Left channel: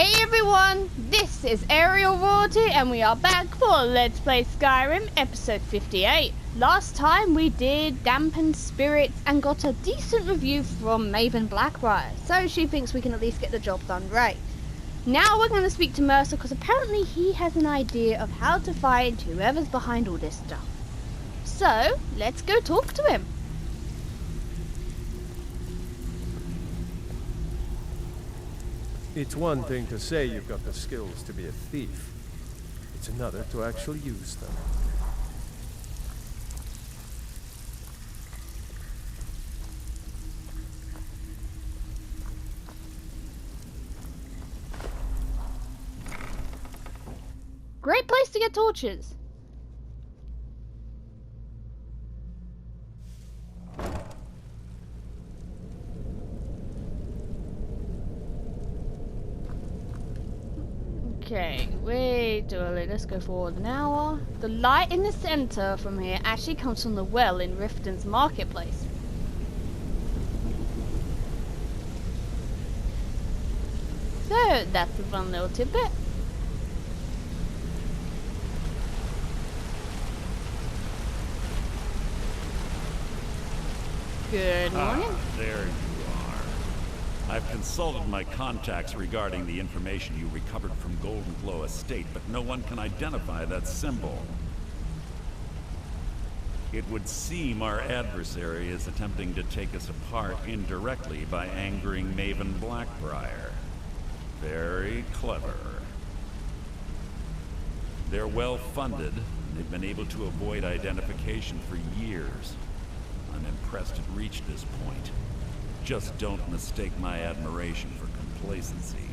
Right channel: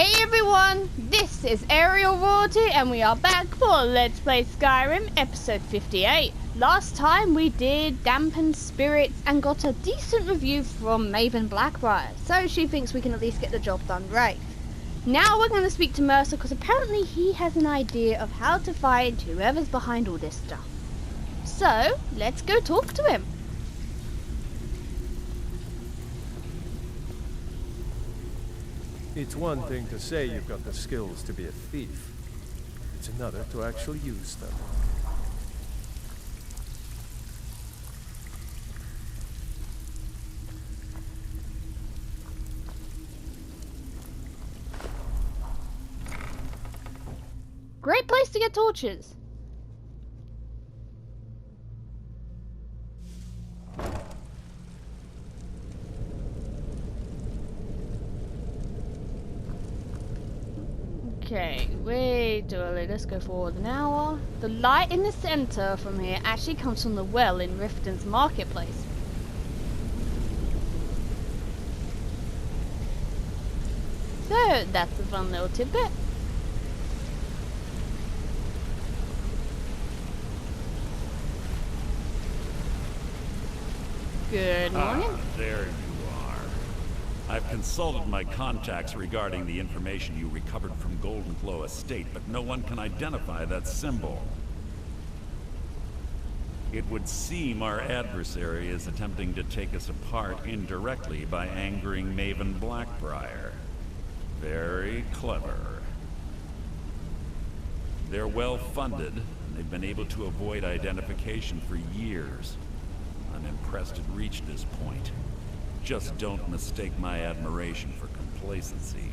Hey everyone, this is Aerial Royalty and we are back for Let's Play Skyrim episode 58. Last time we did Dampened Spirits and got a decent review from Maven Blackbriar, so she thinks we can at least get the job done right. Now we're going to speak to Mercer because apparently he has an idea of how to find whoever's behind all this stuff. So, let's go talk to him. It's one thing to say you've got the skills to be a thief. It's another to actually use them. Great place to get torches. Okay, wait, let's go forward an hour. The light in the center from here actually comes from the well in Riften's marketplace. So, that's a fun little tidbit. Good morning. There you are. I've consulted my contacts regarding the information you recovered from Goldenglow estate, but no one can identify that symbol. It would seem our adversary is attempting to take us apart indirectly by angering Maven Blackbriar. Very clever. They're well funded, and they've been able to avoid identification for years. I'm impressed it reached this point. Just don't mistake my admiration for complacency.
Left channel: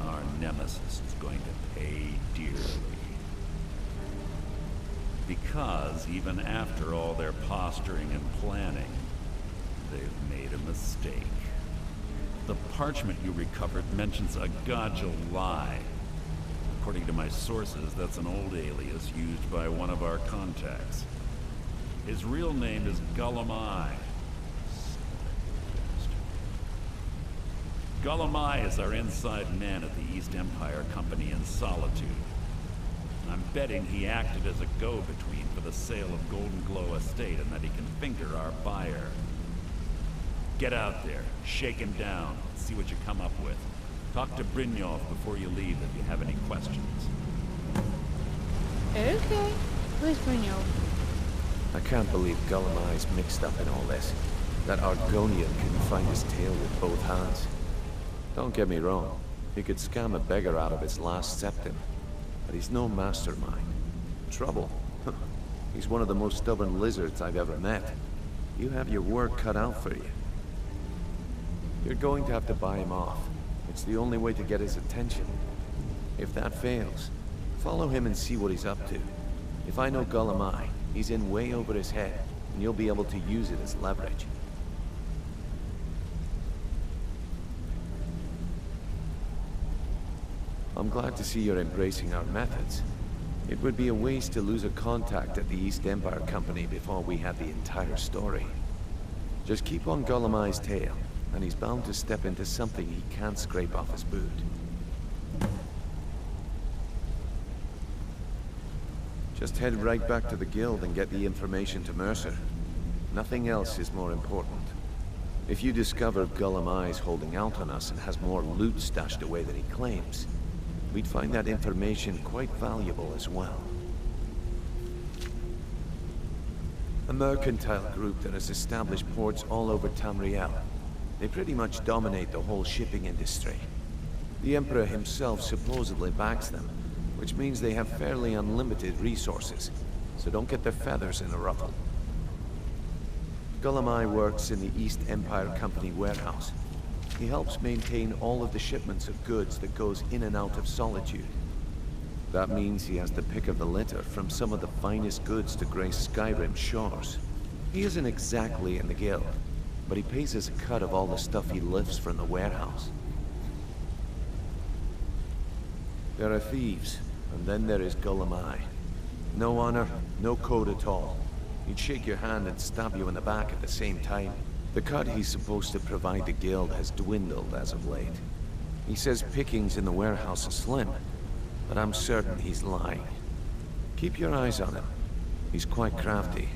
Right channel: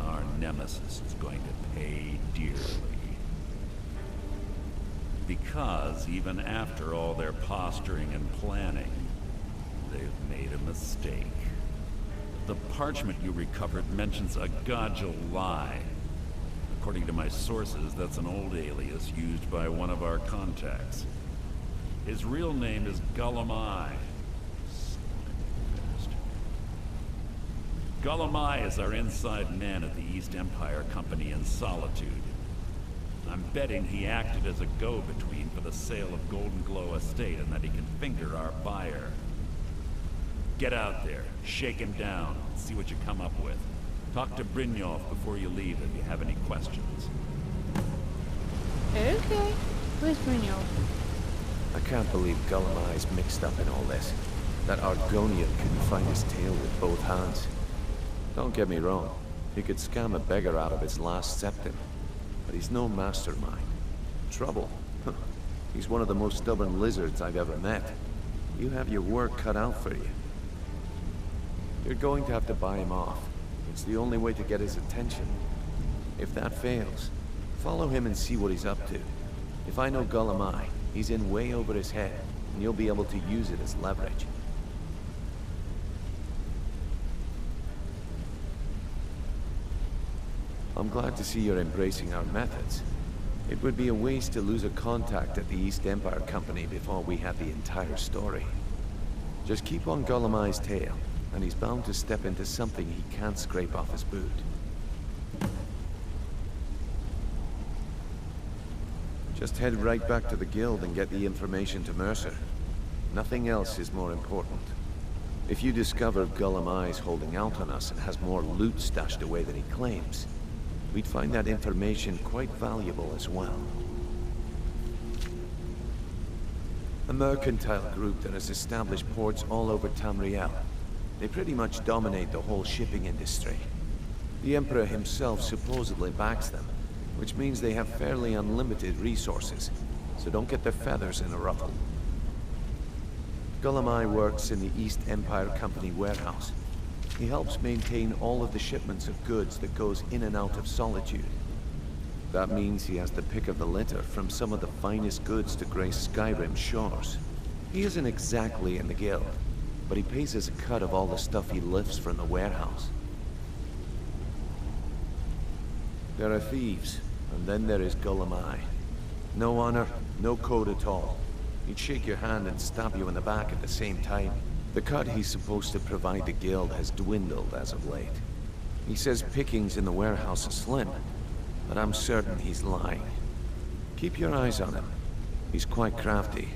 Our nemesis is going to pay dearly. Because even after all their posturing and planning, they've made a mistake. The parchment you recovered mentions a Godja lie. According to my sources, that's an old alias used by one of our contacts. His real name is Goldenglow. Goldenglow is our inside man at the East Empire Company in Solitude. I'm betting he acted as a go-between for the sale of Goldenglow estate and that he can finger our buyer. Get out there, shake him down, see what you come up with. Talk to Brynjolf before you leave if you have any questions. Okay, where's Brynjolf? I can't believe Goldenglow mixed up in all this. That Argonian couldn't find his tail with both hands. Don't get me wrong, he could scam a beggar out of his last septim, but he's no mastermind. Trouble? He's one of the most stubborn lizards I've ever met. You have your work cut out for you. You're going to have to buy him off. It's the only way to get his attention. If that fails, follow him and see what he's up to. If I know Goldenglow, he's in way over his head, and you'll be able to use it as leverage. I'm glad to see you're embracing our methods. It would be a waste to lose a contact at the East Empire Company before we had the entire story. Just keep on Golema's tail, and he's bound to step into something he can't scrape off his boot. Just head right back to the guild and get the information to Mercer. Nothing else is more important. If you discover Golemai's holding out on us and has more loot stashed away than he claims, we'd find that information quite valuable as well. A mercantile group that has established ports all over Tamriel. They pretty much dominate the whole shipping industry. The Emperor himself supposedly backs them, which means they have fairly unlimited resources, so don't get their feathers in a ruffle. Goldenglow works in the East Empire Company warehouse. He helps maintain all of the shipments of goods that goes in and out of Solitude. That means he has the pick of the litter from some of the finest goods to grace Skyrim's shores. He isn't exactly in the guild, but he pays us a cut of all the stuff he lifts from the warehouse. There are thieves, and then there is Goldenglow. No honor, no code at all. He'd shake your hand and stab you in the back at the same time. The cut he's supposed to provide the guild has dwindled as of late. He says pickings in the warehouse are slim, but I'm certain he's lying. Keep your eyes on him. He's quite crafty.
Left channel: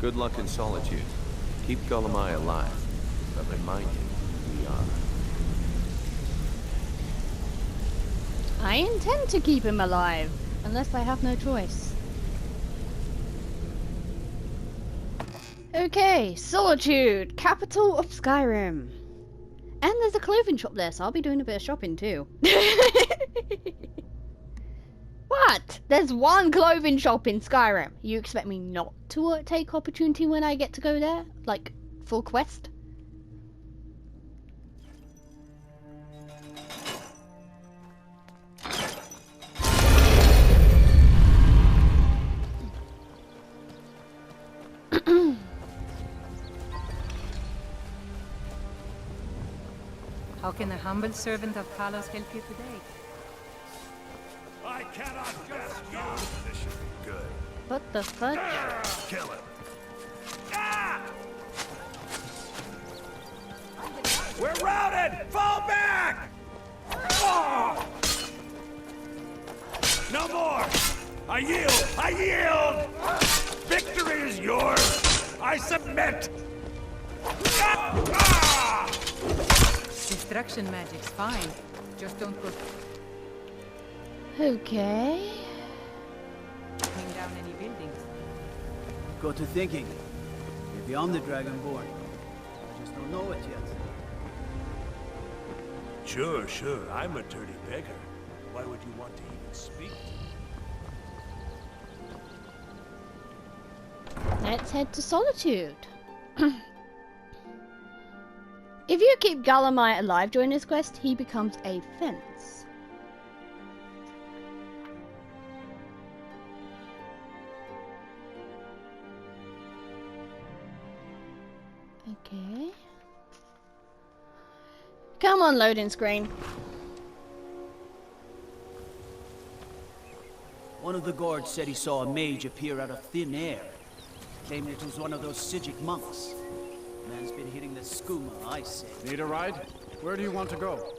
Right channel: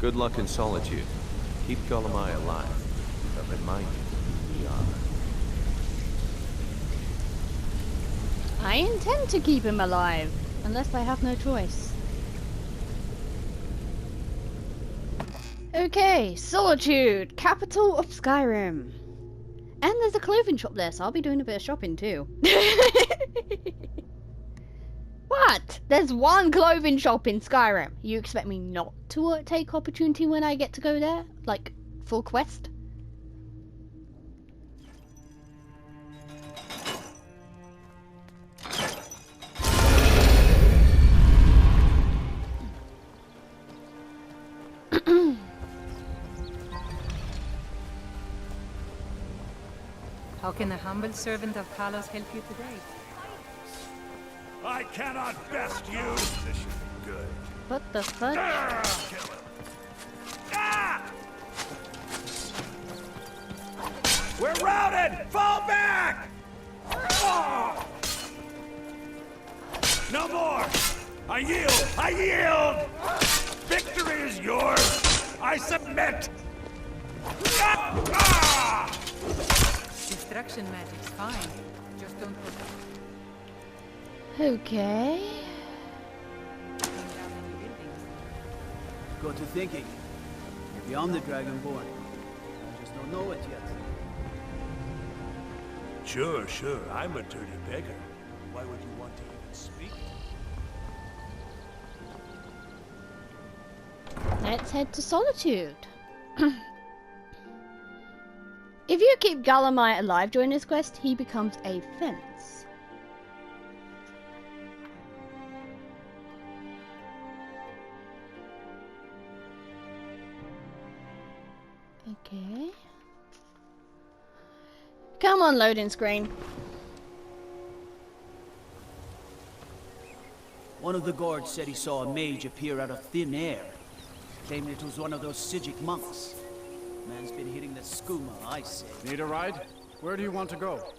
Good luck in Solitude. Keep Golemai alive, but remind him who we are. I intend to keep him alive, unless I have no choice. Okay, Solitude, capital of Skyrim. And there's a clothing shop there, so I'll be doing a bit of shopping too. What? There's one clothing shop in Skyrim. You expect me not to take opportunity when I get to go there? Like, full quest? How can the humble servant of Kalos help you today? I cannot best you! This should be good. What the fuck? Kill him. We're routed! Fall back! Oh! No more! I yield! I yield! Victory is yours! I submit! Destruction magic's fine. Just don't go Okay. taking down any buildings. Got to thinking. Maybe I'm the Dragonborn. I just don't know it yet. Sure. I'm a dirty beggar. Why would you want to even speak to me? Let's head to Solitude. If you keep Golemai alive during this quest, he becomes a fence. Okay. Come on, loading screen. One of the guards said he saw a mage appear out of thin air. Claimed it was one of those Sijic monks. Man's been hitting the skooma, I say. Need a ride? Where do you want to go?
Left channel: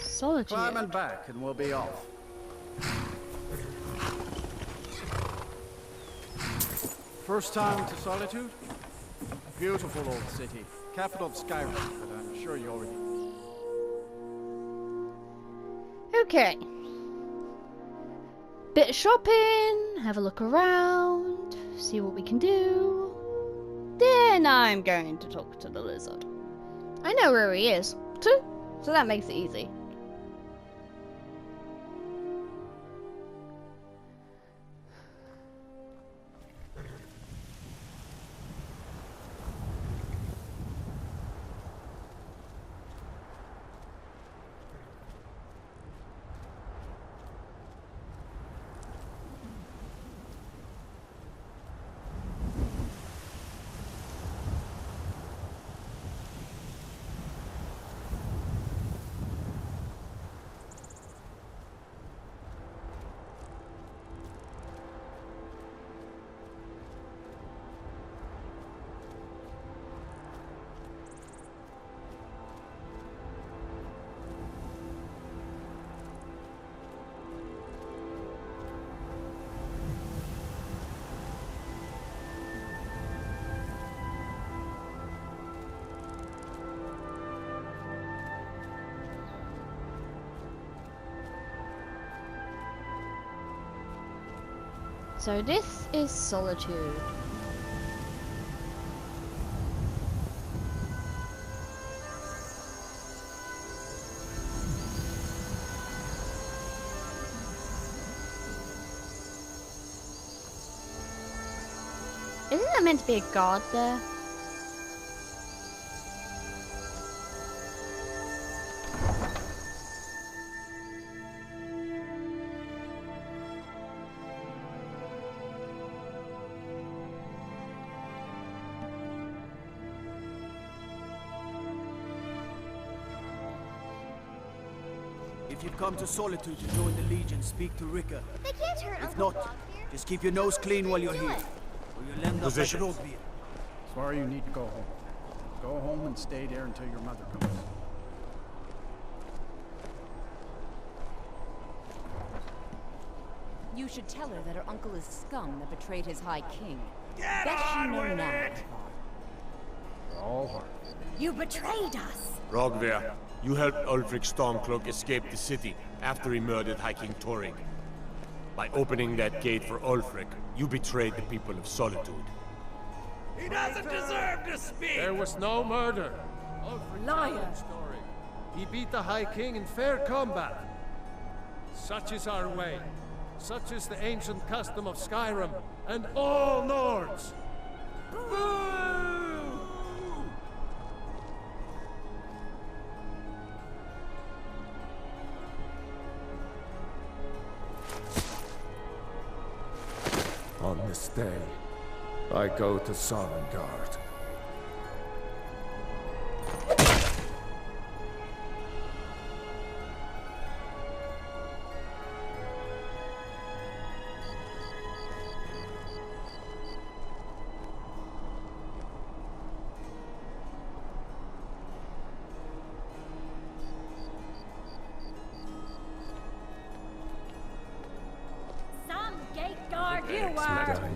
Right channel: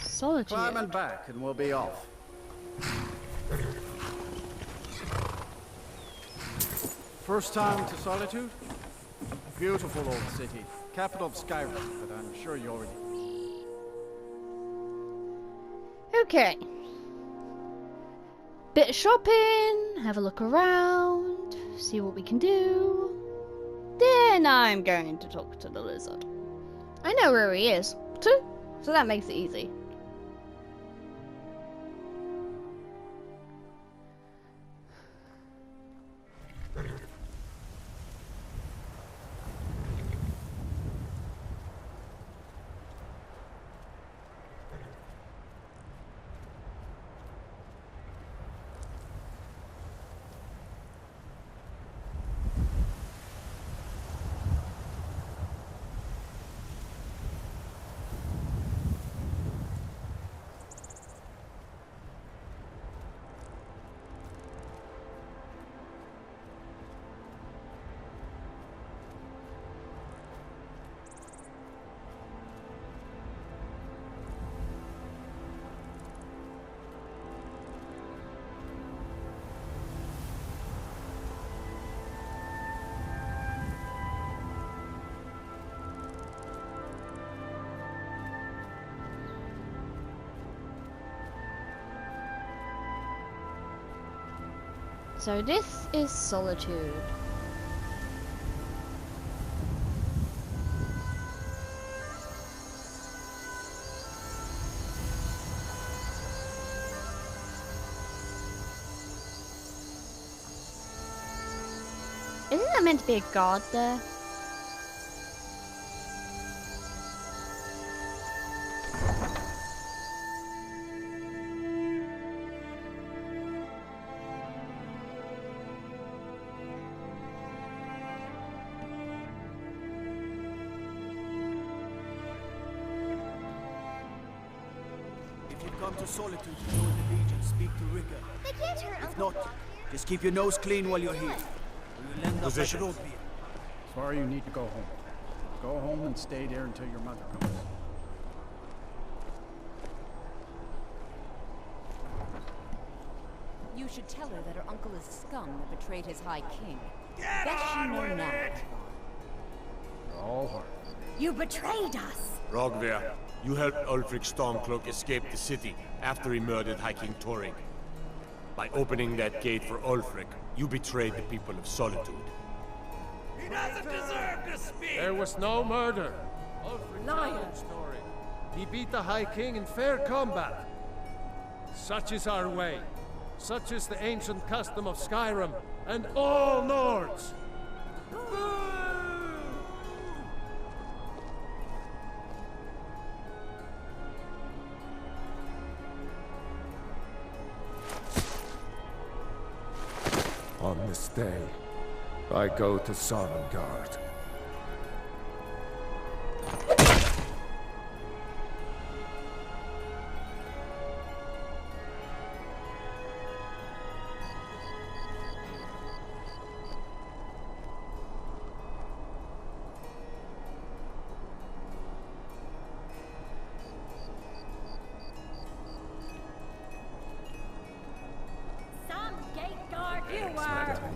Solitude. Climb and back and we'll be off. First time to Solitude? Beautiful old city. Capital of Skyrim, but I'm sure you already... Okay. Bit of shopping, have a look around, see what we can do. Then I'm going to talk to the lizard. I know where he is, too, so that makes it easy. So this is Solitude. Isn't there meant to be a guard there? If you've come to Solitude to join the Legion, speak to Rika. They can't hurt If Uncle not, Bob here. just keep your nose clean while you're here. Or you'll end up like Position. Rodbeer. Sorry you need to go home. Go home and stay there until your mother comes. You should tell her that her uncle is scum that betrayed his High King. Bet she know now, Ivar. All heart. You betrayed us! Rogver, you helped Ulfric Stormcloak escape the city after he murdered High King Torrig. By opening that gate for Ulfric, you betrayed the people of Solitude. He doesn't deserve to speak! There was no murder. Ulfric challenged Torrig. He beat the High King in fair combat. Such is our way. Such is the ancient custom of Skyrim and all Nords. On this day, I go to Sovngarde.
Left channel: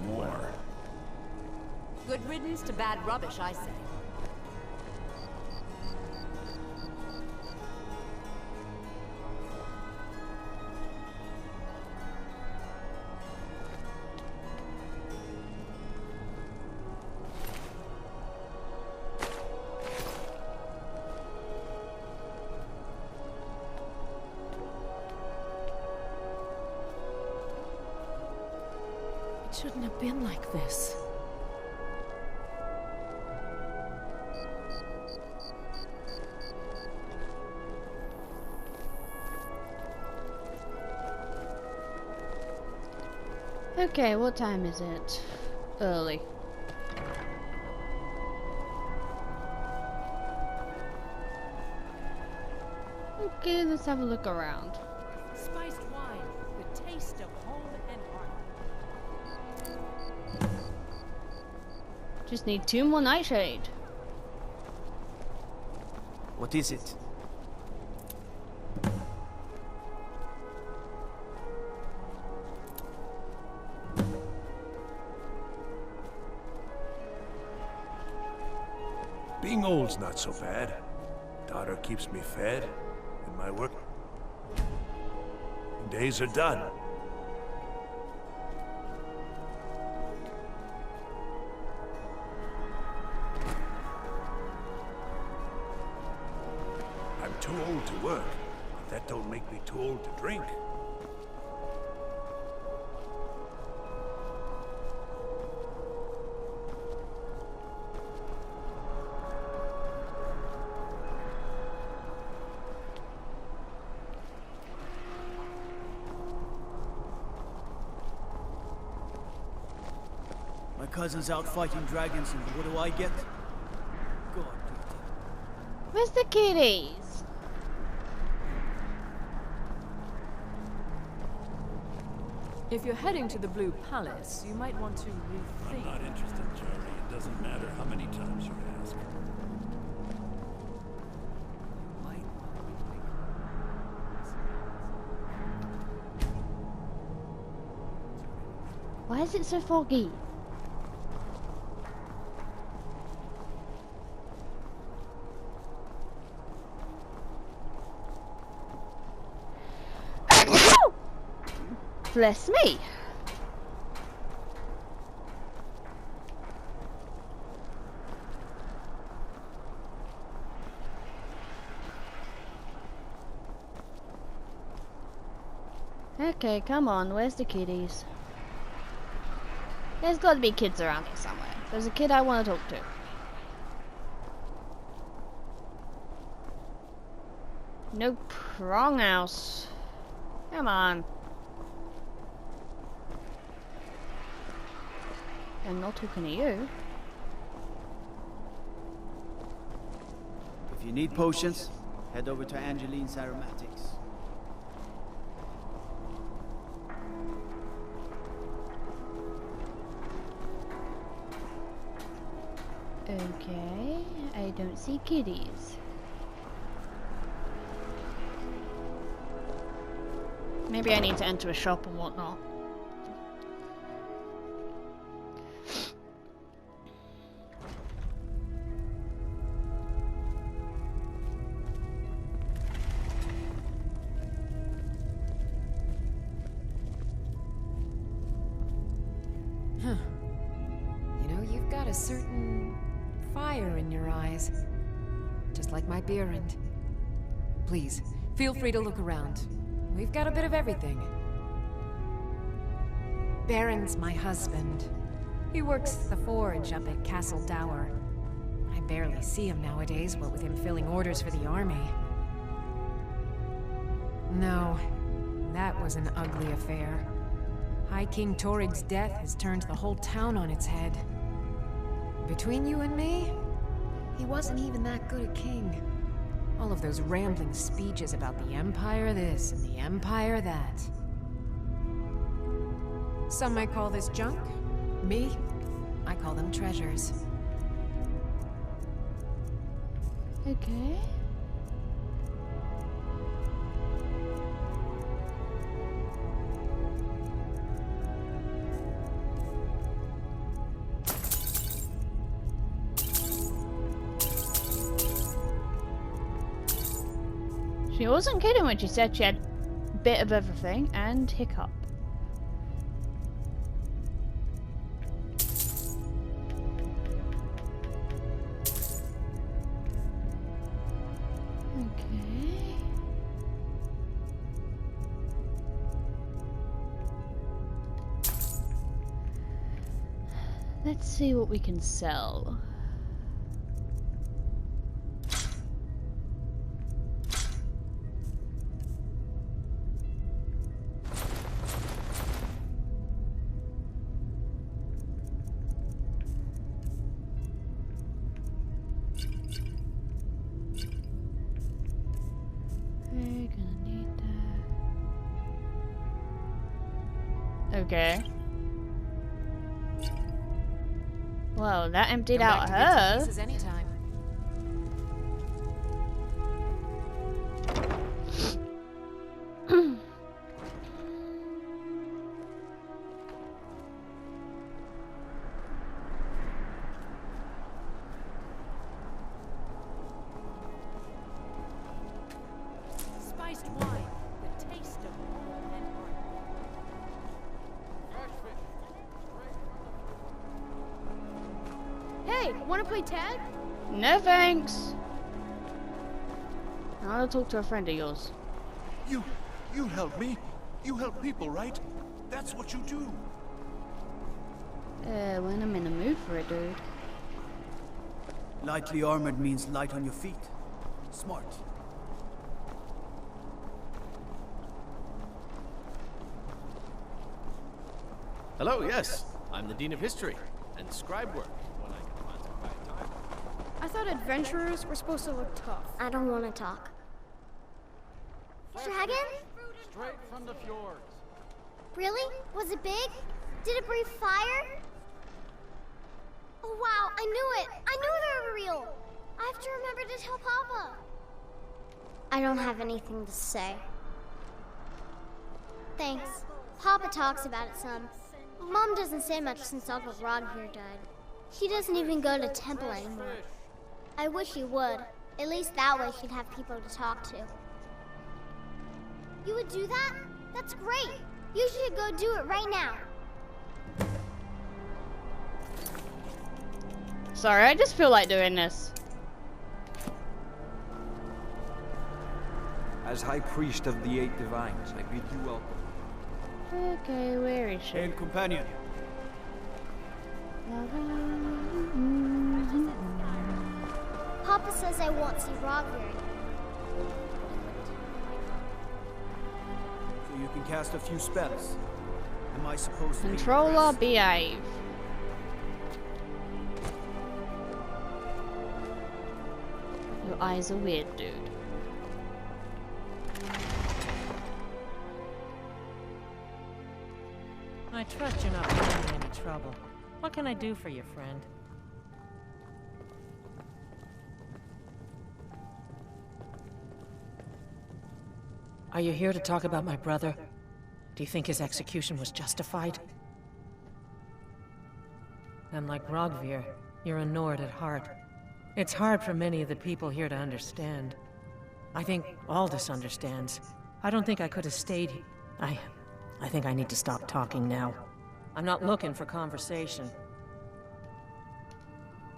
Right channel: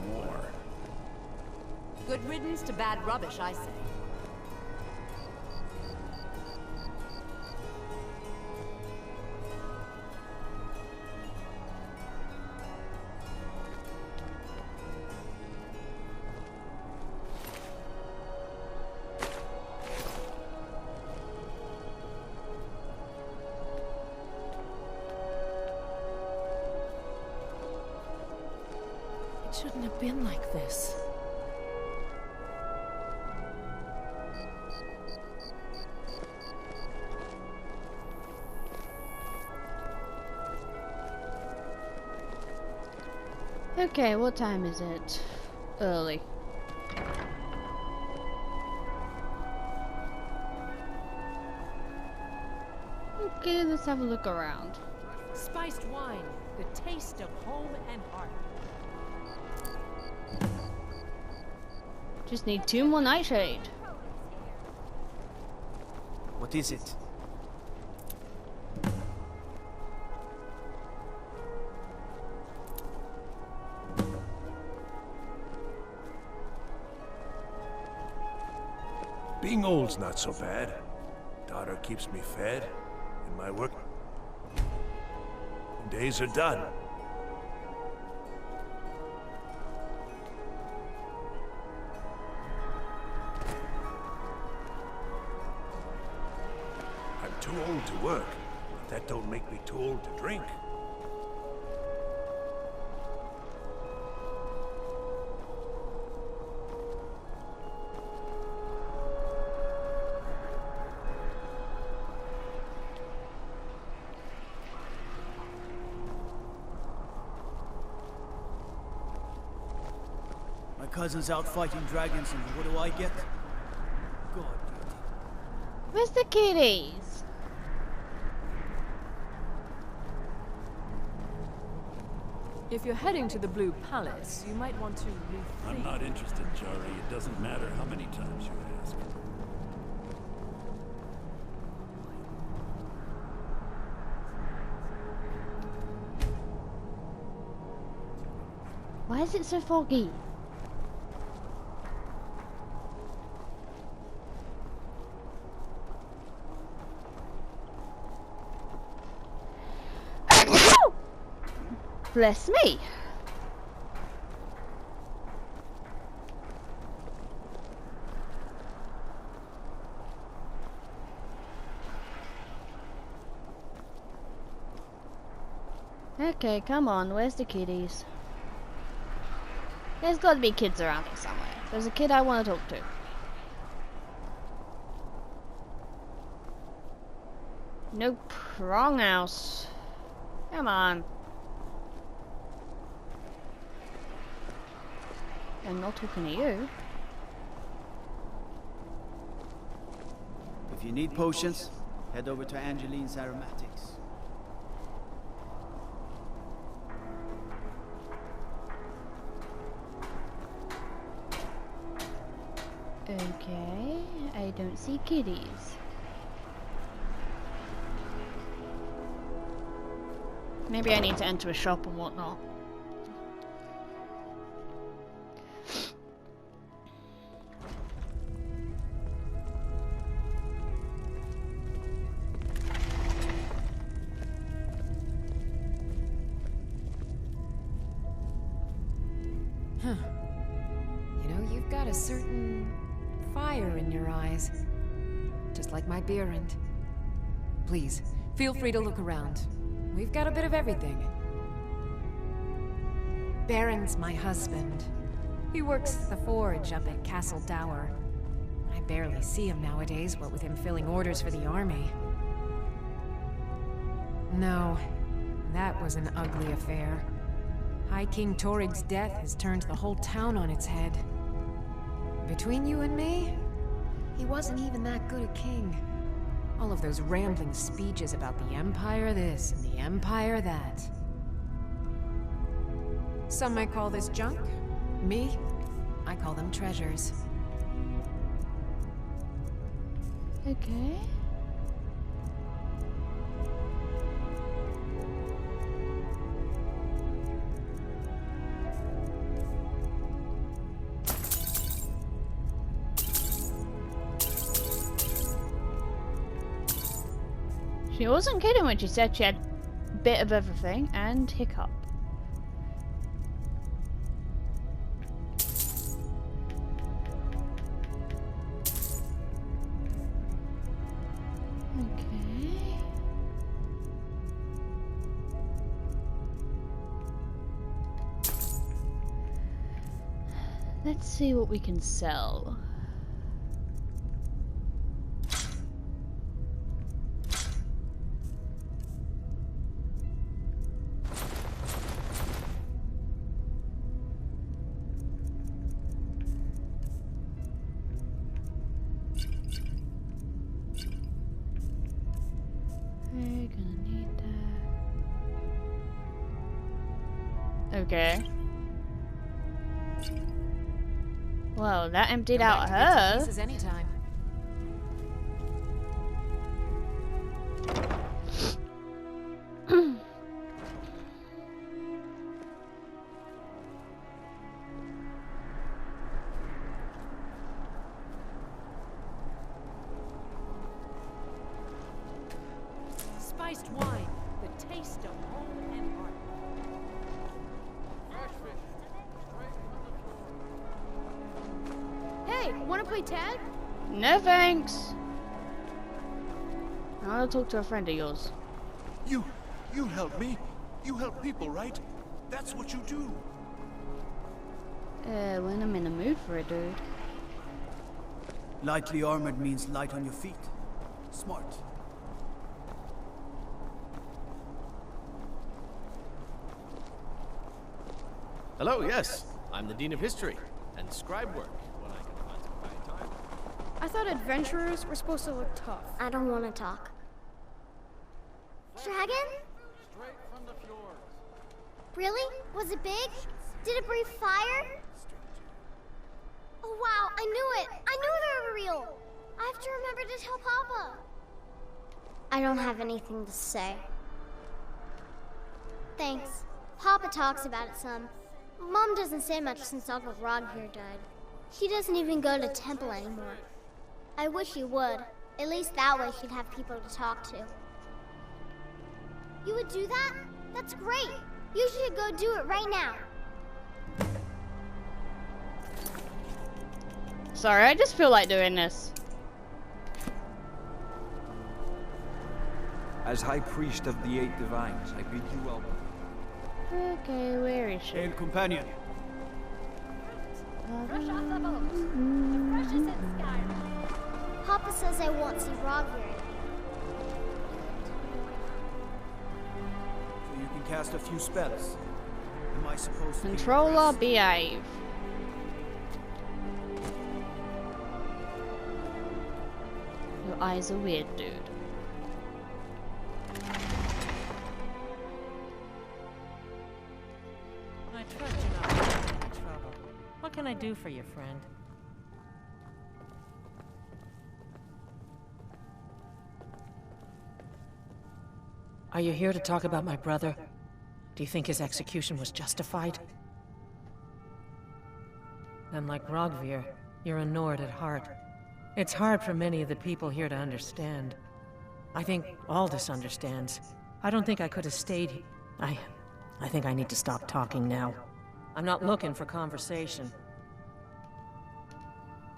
More. Good riddance to bad rubbish, I say. It shouldn't have been like this. Okay, what time is it? Early. Okay, let's have a look around. Spiced wine, the taste of home and heart. Just need 2 more nightshade. What is it? Being old's not so bad. Daughter keeps me fed, and my work days are done. I'm too old to work, but that don't make me too old to drink. My cousin's out fighting dragons, and what do I get? God, beauty. Where's the kitties? If you're heading to the Blue Palace, you might want to rethink. I'm not interested, Jari. It doesn't matter how many times you ask. Why is it so foggy? Bless me. Okay, come on, where's the kitties? There's got to be kids around here somewhere. There's a kid I want to talk to. Nope, wrong house. Come on. I'm not talking to you. If you need potions, head over to Angeline's Aromatics. Okay, I don't see kitties. Maybe I need to enter a shop and whatnot. Huh. You know, you've got a certain fire in your eyes. Just like my Beerend. Please, feel free to look around. We've got a bit of everything. Baron's my husband. He works the forge up at Castle Dower. I barely see him nowadays, what with him filling orders for the army. No, that was an ugly affair. High King Torig's death has turned the whole town on its head. Between you and me, he wasn't even that good a king. All of those rambling speeches about the Empire this and the Empire that. Some might call this junk. Me, I call them treasures. Okay. She wasn't kidding when she said she had a bit of everything and hiccup. Okay. Let's see what we can sell. We're gonna need that. Okay. Well, that emptied out her. Anytime. Spiced wine, the taste of home and heart. Fresh fish, straight from the Hey, wanna play tag? No thanks. I want to talk to a friend of yours. You help me. You help people, right? That's what you do. When I'm in the mood for it, dude. Lightly armored means light on your feet. Smart. Hello, yes. I'm the Dean of History and scribe work when I can find some quiet time. I thought adventurers were supposed to look tough. I don't want to talk. Dragon? Straight from the fjords. Really? Was it big? Did it breathe fire? Oh wow, I knew it! I knew they were real! I have to remember to tell Papa. I don't have anything to say. Thanks. Papa talks about it some. Mom doesn't say much since Uncle Rodger died. She doesn't even go to temple anymore. I wish she would. At least that way she'd have people to talk to. You would do that? That's great! You should go do it right now. Sorry, I just feel like doing this. As High Priest of the Eight Divines, I bid you welcome. Okay, where is she? Hail, companion. Papa says I won't see Rodger anymore. So you can cast a few spells. Am I supposed to Control or behave? Your eyes are weird, dude. I trust you're not in any trouble. What can I do for you, friend? Are you here to talk about my brother? Do you think his execution was justified? Then, like Rogvir, you're a Nord at heart. It's hard for many of the people here to understand. I think Aldous understands. I don't think I could have stayed. I think I need to stop talking now. I'm not looking for conversation.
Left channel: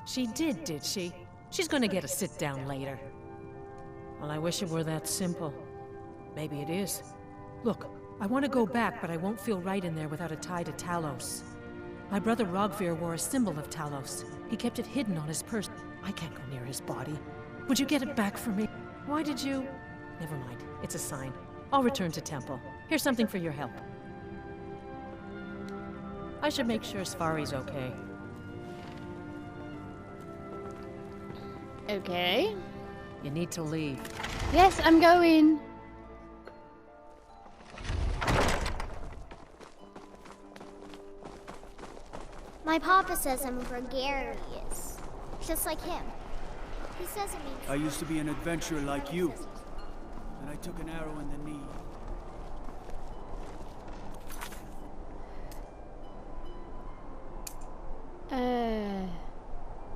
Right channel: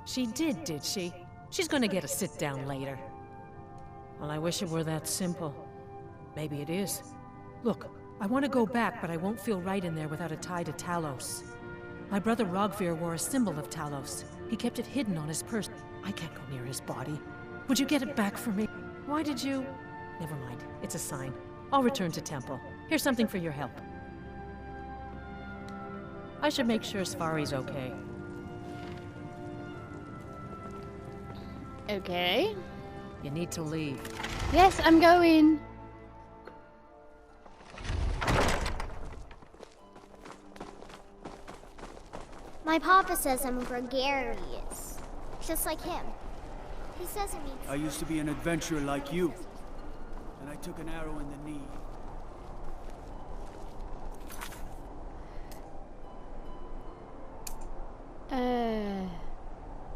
She did she? She's gonna get a sit-down later. Well, I wish it were that simple. Maybe it is. Look, I want to go back, but I won't feel right in there without a tie to Talos. My brother Rogvir wore a symbol of Talos. He kept it hidden on his purse. I can't go near his body. Would you get it back for me? Why did you... Never mind. It's a sign. I'll return to Temple. Here's something for your help. I should make sure Sfari's okay. Okay. You need to leave. Yes, I'm going. My papa says I'm gregarious, just like him. He says it means... I used to be an adventurer like you. And I took an arrow in the knee.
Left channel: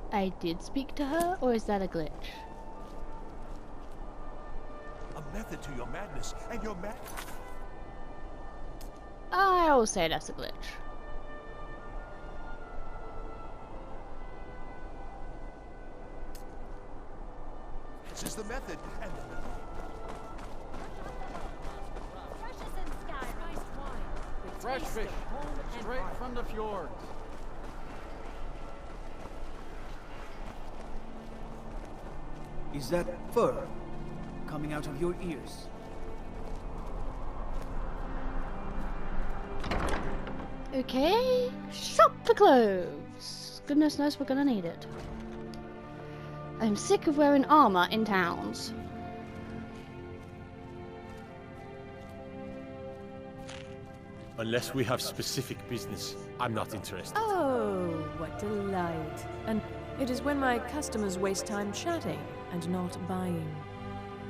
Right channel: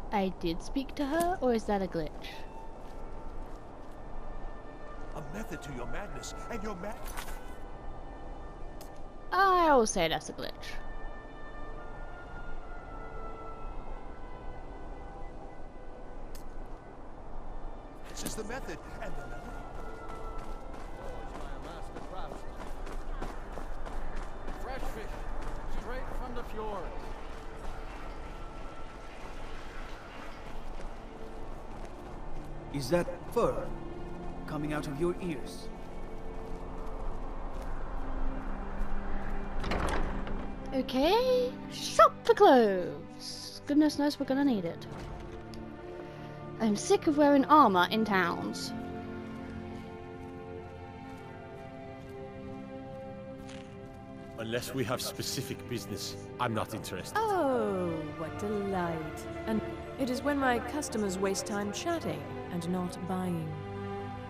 I did speak to her, or is that a glitch? A method to your madness, and your I'll say that's a glitch. This is the method, and the melody. Fresh fish, straight from the fjord. Is that fur coming out of your ears? Okay, shop for clothes. Goodness knows we're gonna need it. I'm sick of wearing armor in towns. Unless we have specific business, I'm not interested. Oh, what delight. And it is when my customers waste time chatting and not buying.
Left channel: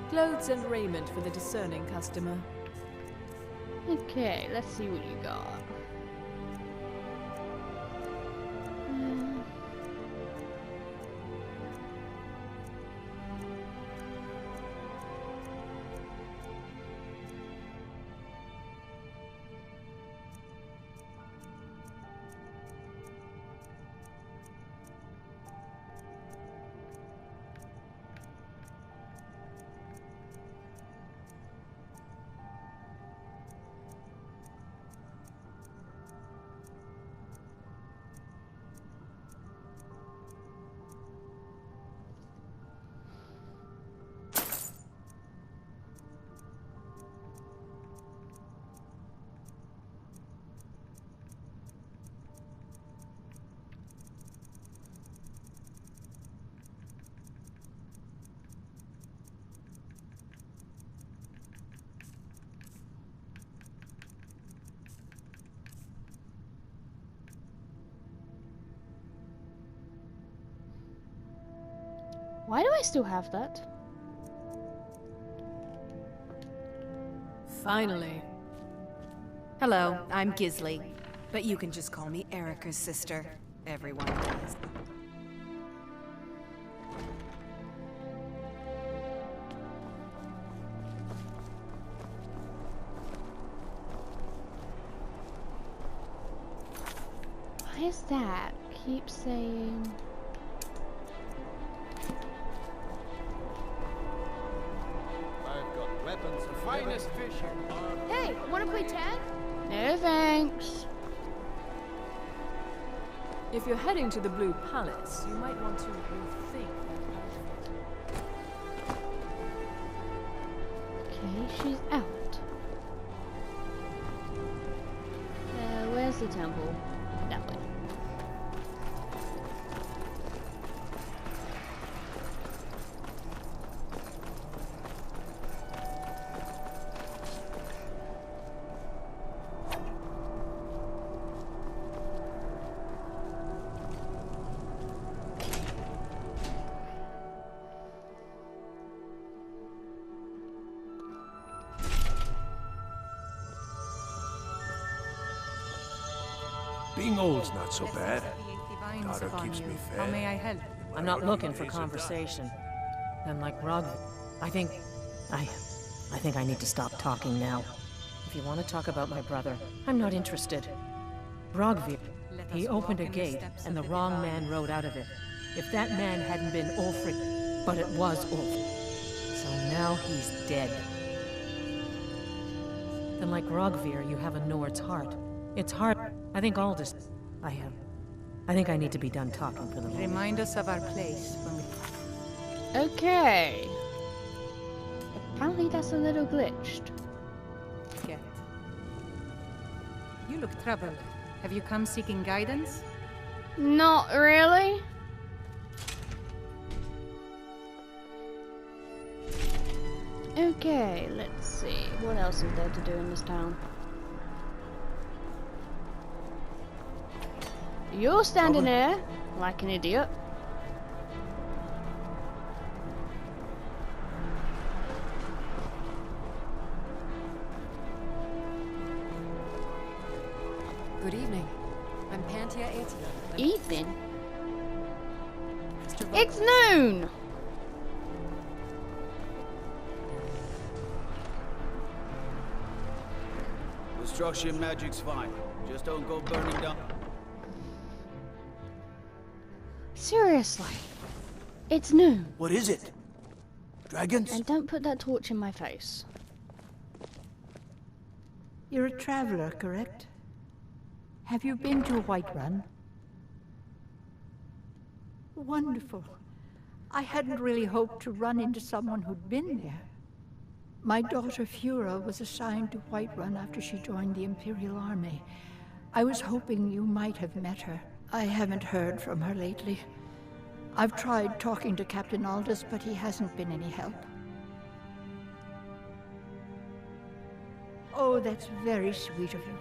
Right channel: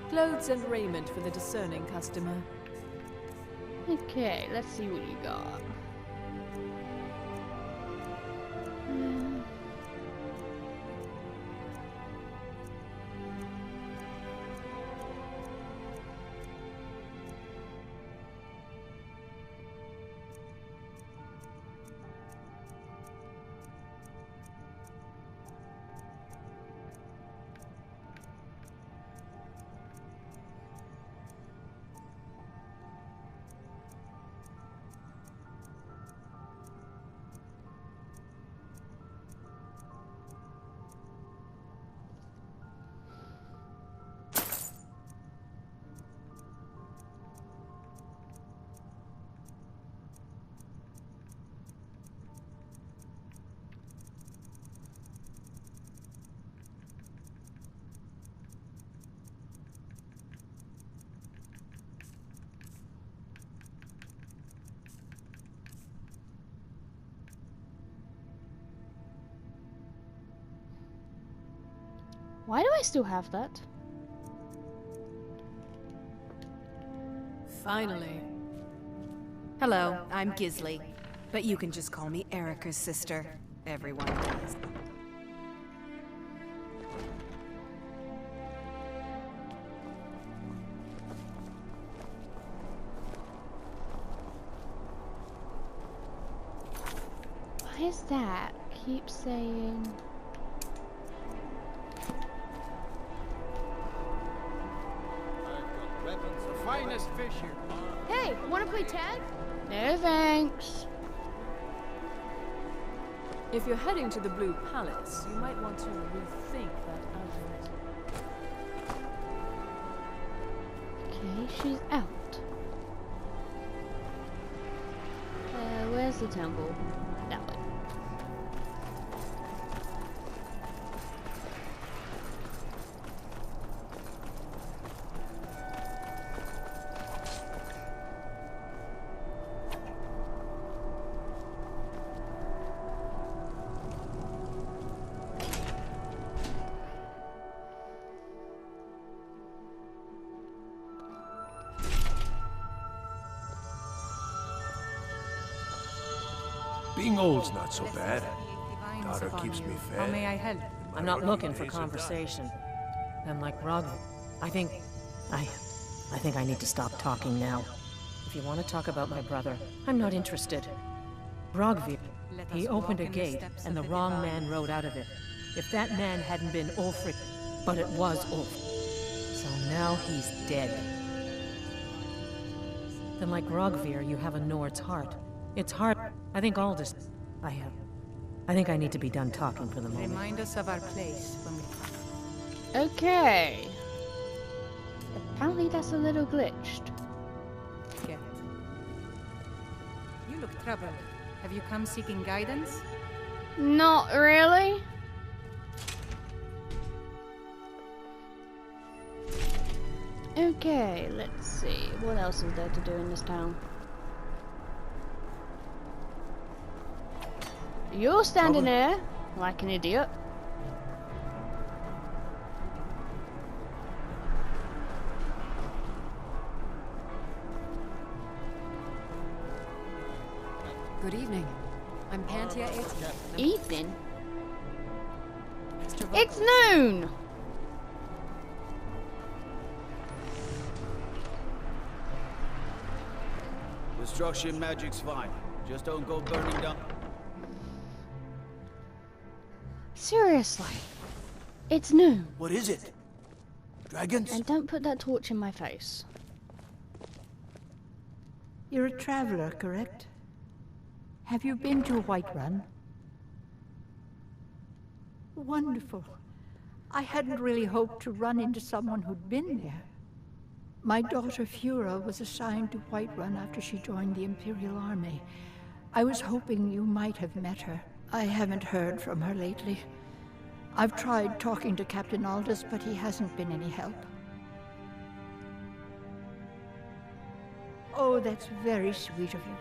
Clothes and raiment for the discerning customer. Okay, let's see what you got. Why do I still have that? Finally. Hello, I'm Gisli, but you can just call me Erica's sister. Everyone does. Why is that? Keep saying... Weapons, the finest fish here. Hey, wanna play tag? No thanks. If you're heading to the Blue Palace, you might want to rethink that argument. Okay, she's out. Where's the temple? That way. Being old's not so bad. Daughter keeps me fed. How may I help? I'm not looking for conversation. And like Rog, I think I need to stop talking now. If you want to talk about my brother, I'm not interested. Rogvir, he opened a gate, and the wrong man rode out of it. If that man hadn't been Ulfric, but it was Ulf. So now he's dead. Then like Rogvir, you have a Nord's heart. It's hard. I think Aldous... I think I need to be done talking for the moment. Remind us of our place when we... Okay. Apparently that's a little glitched. Get. You look troubled. Have you come seeking guidance? Not really. Okay, let's see. What else is there to do in this town? You're standing there like an idiot. Good evening. I'm Pantia Ati. Evening? It's noon! Destruction magic's fine. Just don't go burning down. Seriously. It's noon. What is it? Dragons? And don't put that torch in my face. You're a traveler, correct? Have you been to Whiterun? Wonderful. I hadn't really hoped to run into someone who'd been there. My daughter Fura was assigned to Whiterun after she joined the Imperial Army. I was hoping you might have met her. I haven't heard from her lately. I've tried talking to Captain Aldous, but he hasn't been any help. Oh, that's very sweet of you.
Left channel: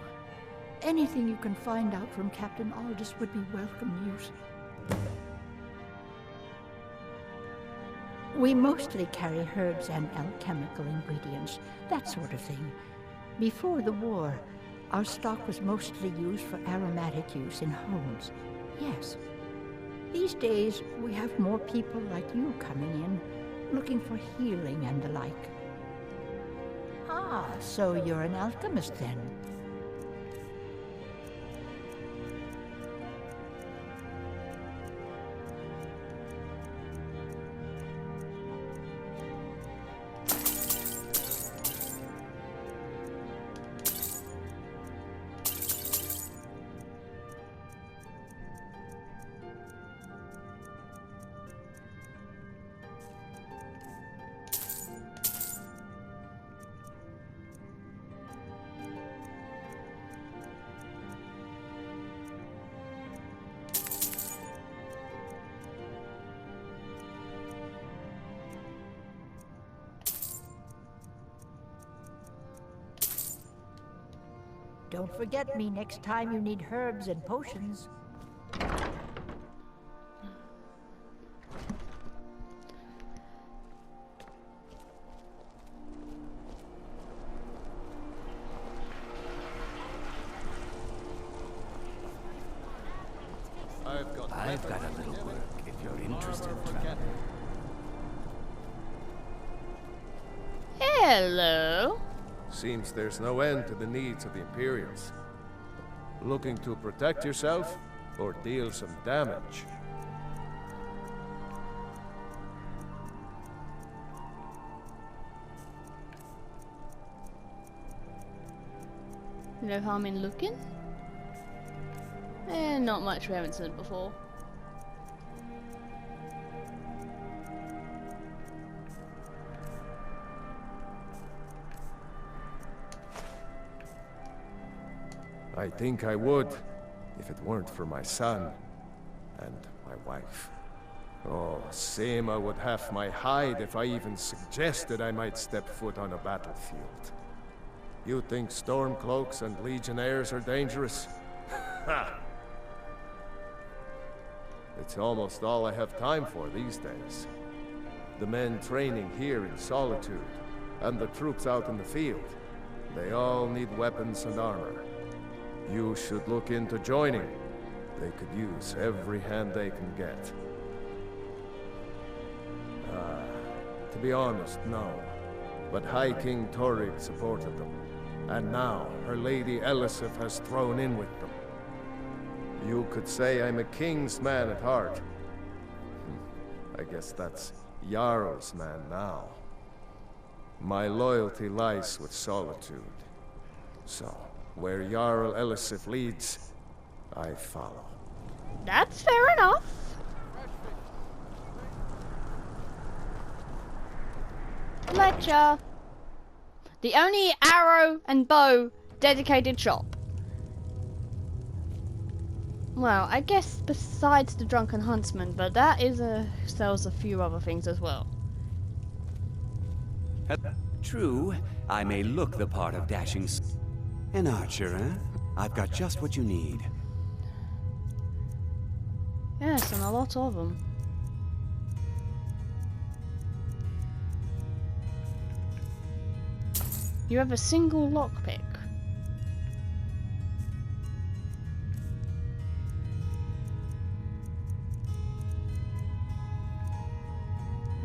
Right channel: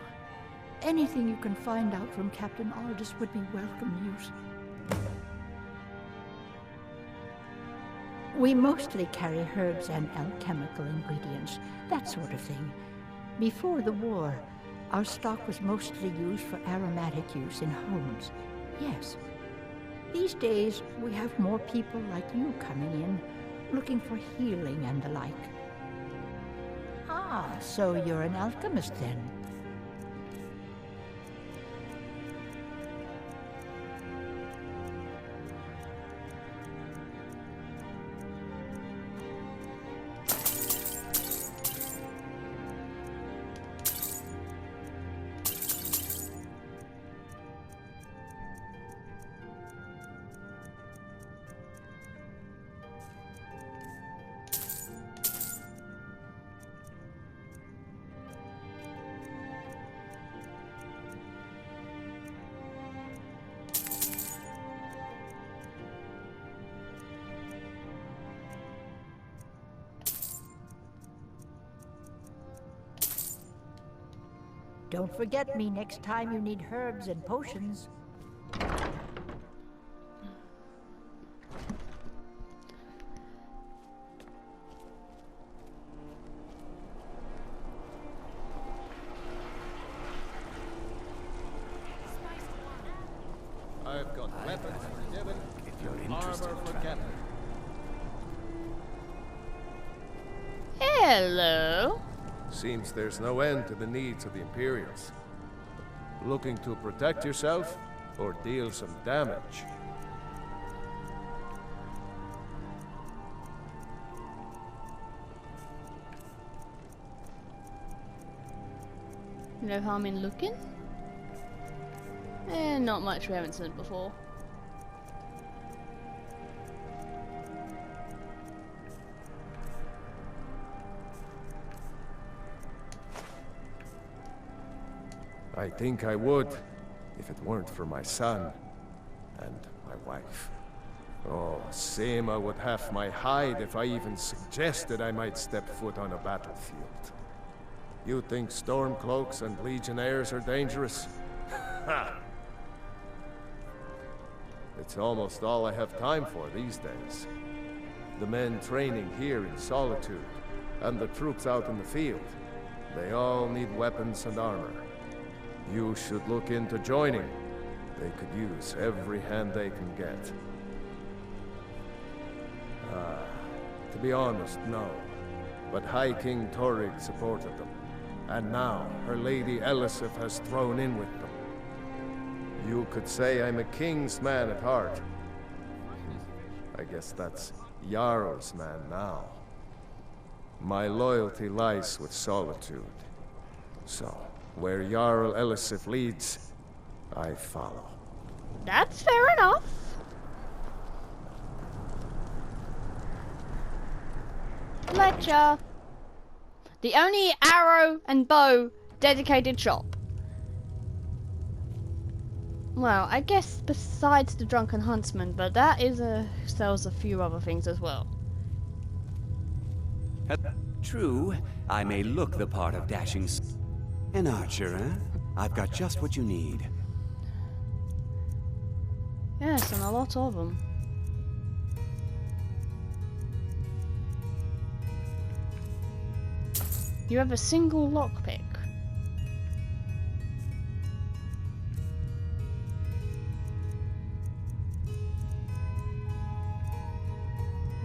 Anything you can find out from Captain Aldous would be welcome news. We mostly carry herbs and alchemical ingredients, that sort of thing. Before the war, our stock was mostly used for aromatic use in homes. Yes. These days, we have more people like you coming in, looking for healing and the like. Ah, so you're an alchemist then? Don't forget me next time you need herbs and potions. I've got a little work if you're interested, traveler. Hello. Seems there's no end to the needs of the Imperials. Looking to protect yourself or deal some damage? No harm in looking? Not much we haven't seen before. I think I would, if it weren't for my son and my wife. Oh, Sema would have my hide if I even suggested I might step foot on a battlefield. You think Stormcloaks and Legionnaires are dangerous? Ha! It's almost all I have time for these days. The men training here in Solitude, and the troops out in the field, they all need weapons and armor. You should look into joining. They could use every hand they can get. To be honest, no. But High King Torygg supported them. And now, her Lady Elisif has thrown in with them. You could say I'm a king's man at heart. I guess that's Jarl's man now. My loyalty lies with Solitude. So, where Jarl Elisif leads, I follow. That's fair enough. Fletcher. The only arrow and bow dedicated shop. Well, I guess besides the Drunken Huntsman, but that is sells a few other things as well. True, I may look the part of dashing. An archer, eh? I've got just what you need. Yes, and a lot of them. You have a single lockpick.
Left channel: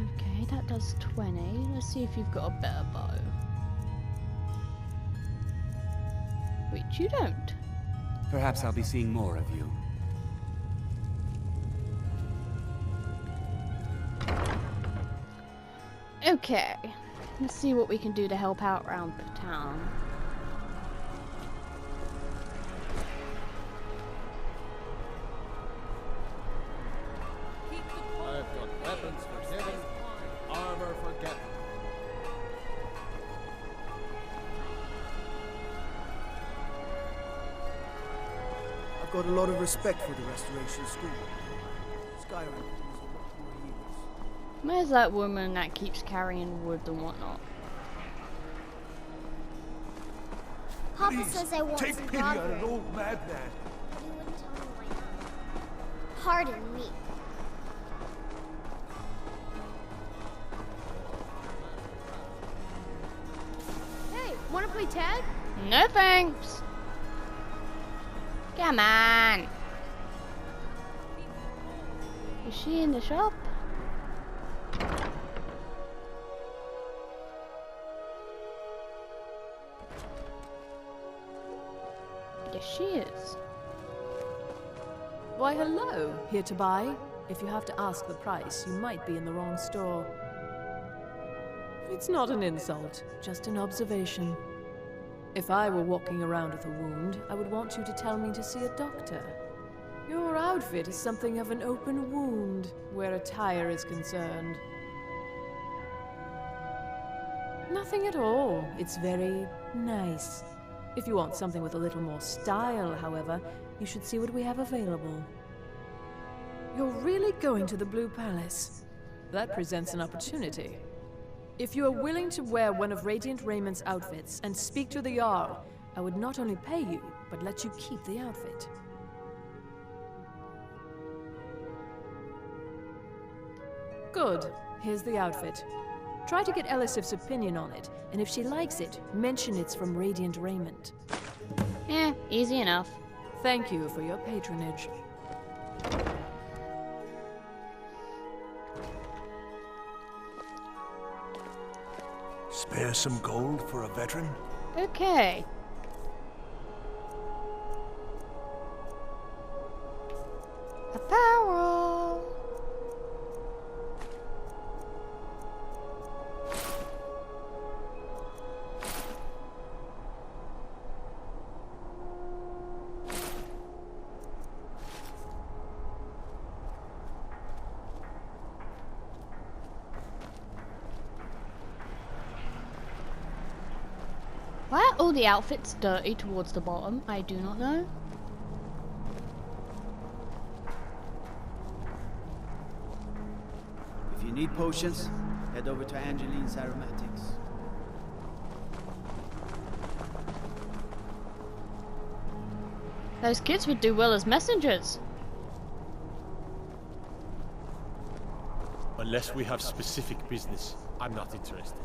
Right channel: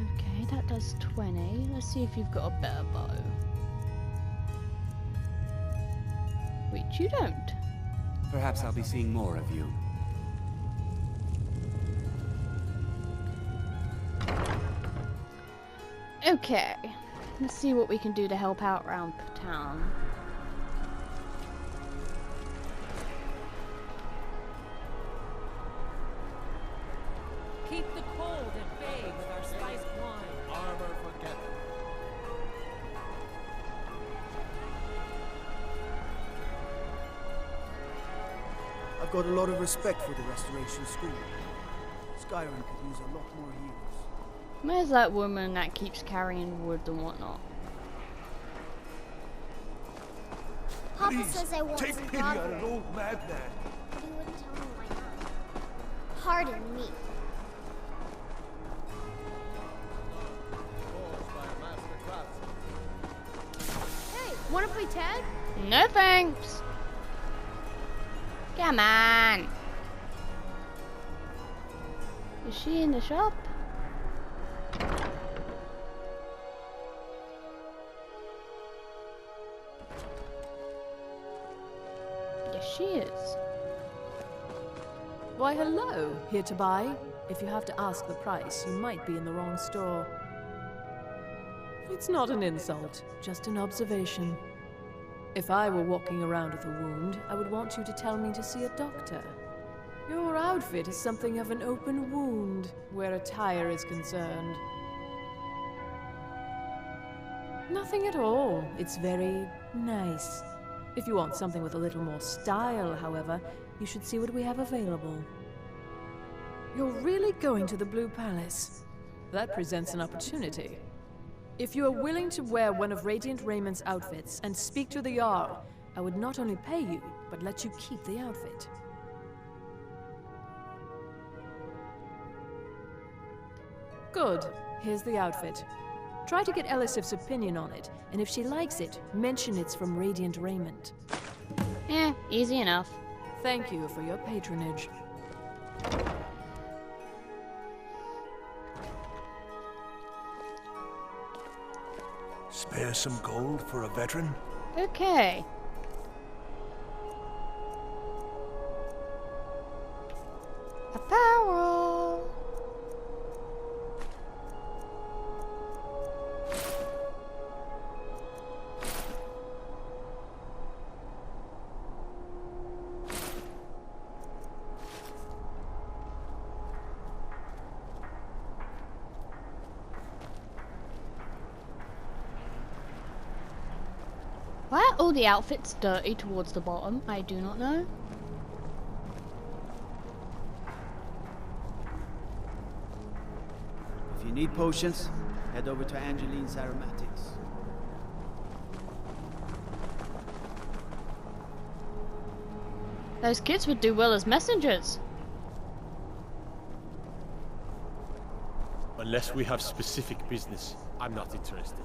Okay, that does 20. Let's see if you've got a better bow. Which you don't. Perhaps I'll be seeing more of you. Okay, let's see what we can do to help out around town. Keep the cold at bay with our spiced wine. Armor forget. I've got a lot of respect for the Restoration School. Skyrim could use a lot more healers. Where's that woman that keeps carrying wood and whatnot? Papa Please, says I won't take pity on an old madman. But he wouldn't tell me why not. Pardon me. Hey, wanna play tag? No thanks. Come on. Is she in the shop? Yes, she is. Why, hello. Here to buy? If you have to ask the price, you might be in the wrong store. It's not an insult, just an observation. If I were walking around with a wound, I would want you to tell me to see a doctor. Your outfit is something of an open wound, where attire is concerned. Nothing at all. It's very nice. If you want something with a little more style, however, you should see what we have available. You're really going to the Blue Palace? That presents an opportunity. If you are willing to wear one of Radiant Raymond's outfits and speak to the Jarl, I would not only pay you, but let you keep the outfit. Good. Here's the outfit. Try to get Elisif's opinion on it, and if she likes it, mention it's from Radiant Raymond. Easy enough. Thank you for your patronage. Spare some gold for a veteran? Okay. Apparel. Why are all the outfits dirty towards the bottom? I do not know. If you need potions, head over to Angeline's Aromatics. Those kids would do well as messengers. Unless we have specific business, I'm not interested.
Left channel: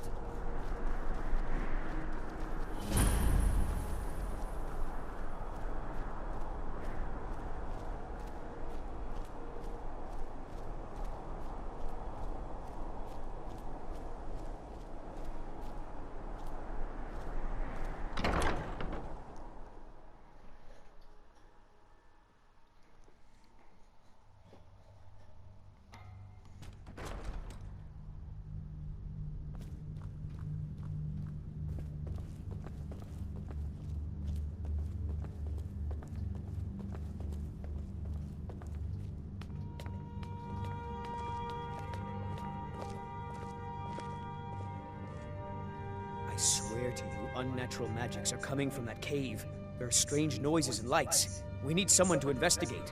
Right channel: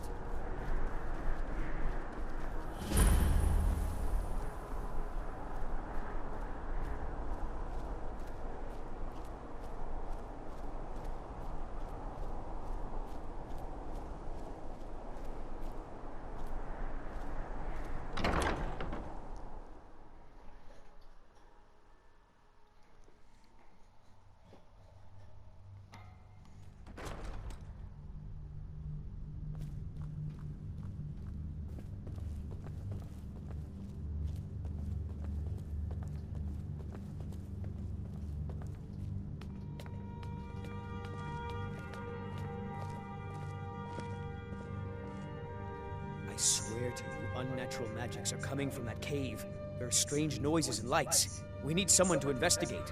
I swear to you, unnatural magics are coming from that cave. There are strange noises and lights. We need someone to investigate.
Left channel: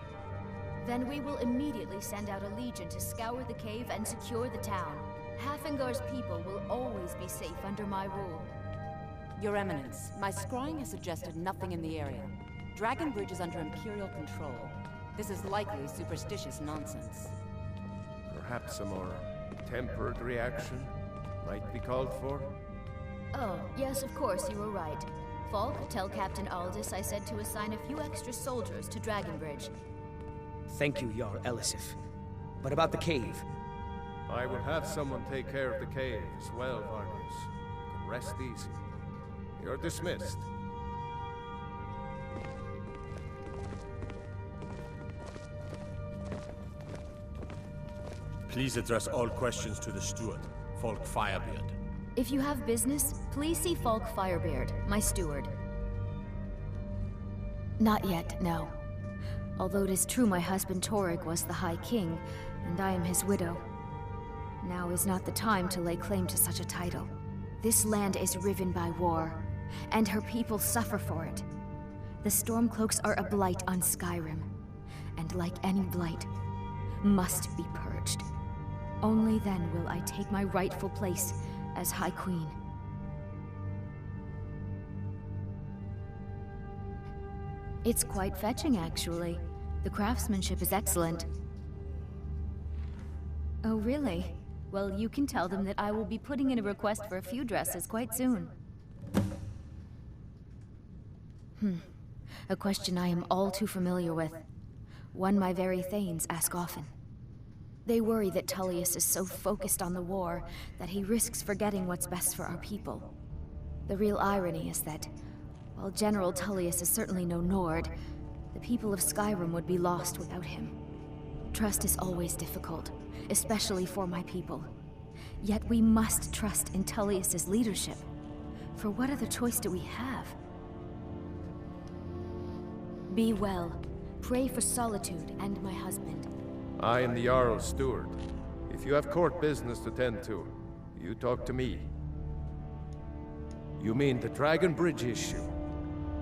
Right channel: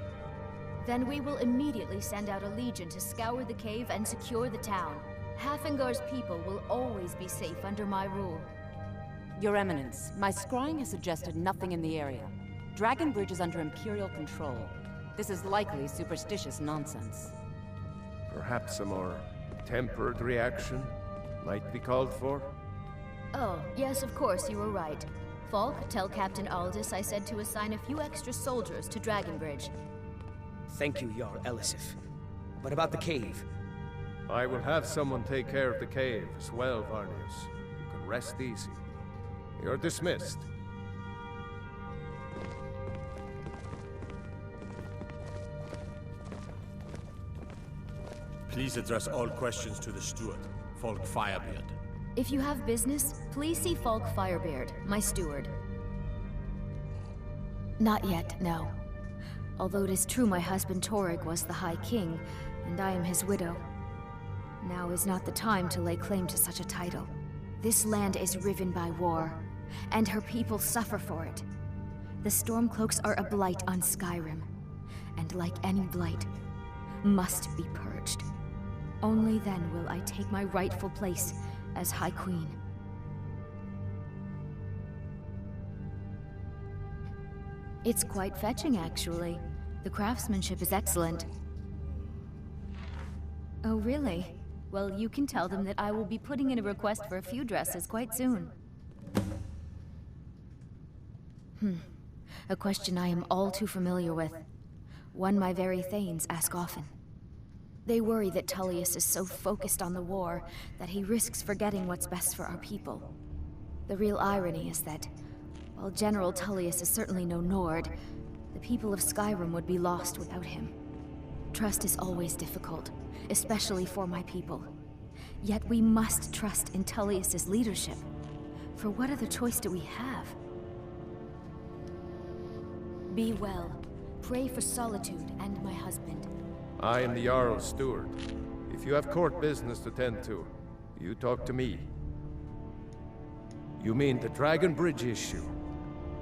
Then we will immediately send out a legion to scour the cave and secure the town. Hafingar's people will always be safe under my rule. Your Eminence, my scrying has suggested nothing in the area. Dragon Bridge is under Imperial control. This is likely superstitious nonsense. Perhaps a more tempered reaction might be called for? Oh, yes, of course, you were right. Falk, tell Captain Aldous I said to assign a few extra soldiers to Dragon Bridge. Thank you, Jarl Elisif. But about the cave? I will have someone take care of the cave as well, Varnius. You can rest easy. You're dismissed. Please address all questions to the steward, Falk Firebeard. If you have business, please see Falk Firebeard, my steward. Not yet, no. Although it is true my husband Torrig was the High King, and I am his widow. Now is not the time to lay claim to such a title. This land is riven by war, and her people suffer for it. The Stormcloaks are a blight on Skyrim, and like any blight, must be purged. Only then will I take my rightful place as High Queen. It's quite fetching, actually. The craftsmanship is excellent. Oh, really? Well, you can tell them that I will be putting in a request for a few dresses quite soon. A question I am all too familiar with. One my very Thanes ask often. They worry that Tullius is so focused on the war that he risks forgetting what's best for our people. The real irony is that, while General Tullius is certainly no Nord, the people of Skyrim would be lost without him. Trust is always difficult, especially for my people. Yet we must trust in Tullius's leadership. For what other choice do we have? Be well. Pray for Solitude and my husband. I am the Jarl's steward. If you have court business to tend to, you talk to me. You mean the Dragon Bridge issue?